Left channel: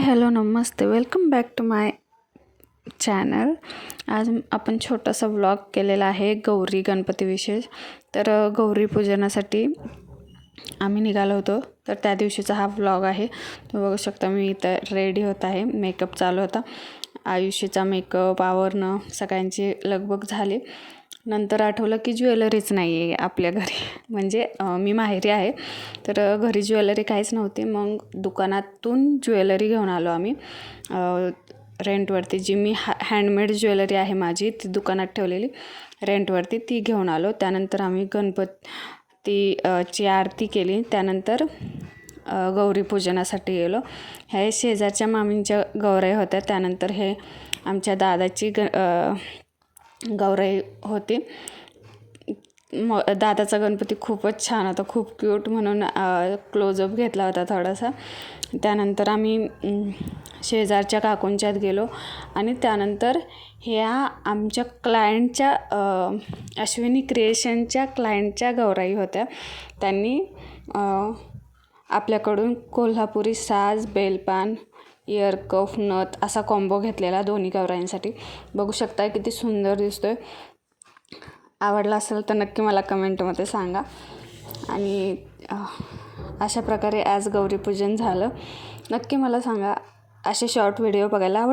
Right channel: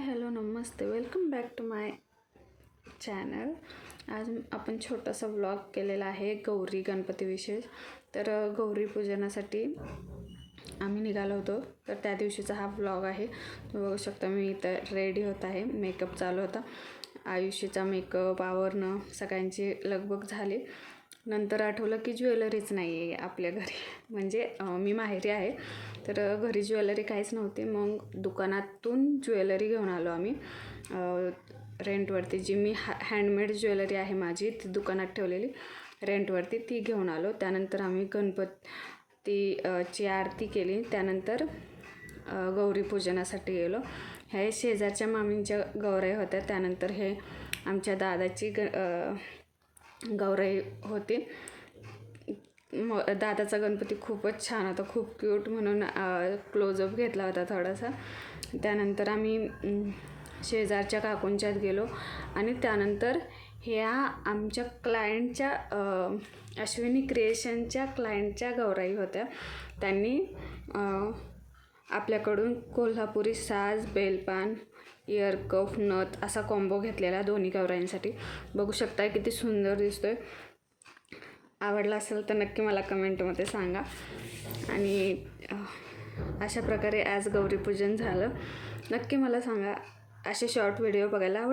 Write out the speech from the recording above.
हाय hello नमस्ते, welcome back to my channel. आज आपण छोटासा व्लॉग केलेला आहे गौरी गणपती विशेष. तर गौरी पूजनासाठी आम्ही निघालो होतो, तर त्या दिवशीचा हा व्लॉग आहे. तुम्ही बघू शकता मी इथं रेडी होत आहे, मेकअप चालू होता. आयुष्याचा मेकअप आवरणं सगळ्यांची लगबग झाली. नंतर आठवलं की ज्वेलरीच नाही आहे आपल्या घरी, म्हणजे मी माहेरी आहे तर घरी ज्वेलरी काहीच नव्हती. मग दुकानातून ज्वेलरी घेऊन आलो आम्ही रेंटवरती. जी मी हँडमेड ज्वेलरी आहे माझी, ती दुकानात ठेवलेली रेंटवरती, ती घेऊन आलो. त्यानंतर आम्ही गणपतीची आरती केली. त्यानंतर गौरी पूजनासाठी गेलो. हे शेजारच्या मामींच्या गौराई होत्या. त्यानंतर हे आमच्या दादाची गौराई होती. दादाचा गणपती खूपच छान होता, खूप क्यूट, म्हणून क्लोजअप घेतला होता थोडासा. त्यानंतर आम्ही शेजारच्या काकूंच्यात गेलो आणि त्यानंतर ह्या आमच्या क्लायंटच्या अश्विनी क्रिएशनच्या क्लायंटच्या गौराई होत्या. त्यांनी आपल्याकडून कोल्हापुरी साज, बेलपान, इयर कफ, नथ असा कॉम्बो घेतलेला दोन्ही गौराईंसाठी. बघू शकता किती सुंदर दिसतोय. आवडला असेल तर नक्की मला कमेंटमध्ये सांगा. आणि अशा प्रकारे आज गौरीपूजन झालं. नक्की मला सांगा, असे शॉर्ट व्हिडिओ बघायला